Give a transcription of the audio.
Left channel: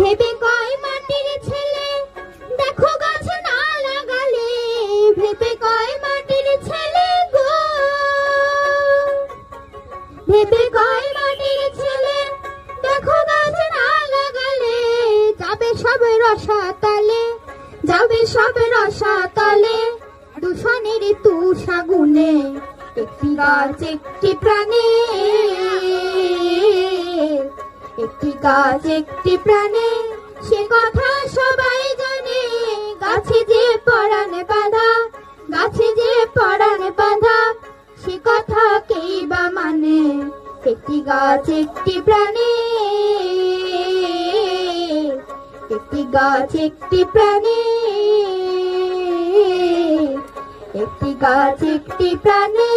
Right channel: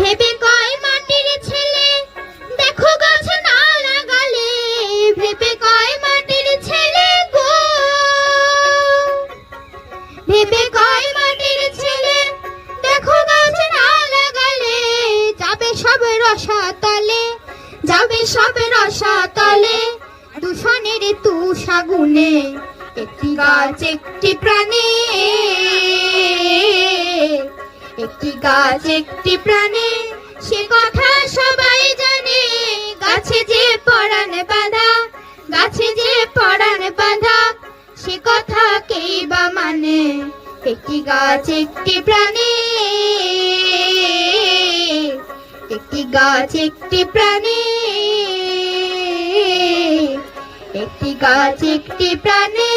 ভেবে কয় মাটির ছেলে দেখো গাছ না লাগালে, ভেবে কয় মাটির ছেলে গো, ভেবে কয় মাটির ছেলে দেখো গাছ না লাগালে, যাবে সব রসাতলে, যাবে সব রসাতলে, দূষণের তুষাগুনে একটি গাছ একটি প্রাণী, একটি গাছ একটি প্রাণী, সে কথা সবাই জানে, গাছে যে পরাণ বাঁধা, গাছে যে পরাণ বাঁধা, সে কথা কেই বা মানে, একটি গাছ একটি প্রাণী, একটি গাছ একটি প্রাণী, একটি গাছ একটি প্রাণী।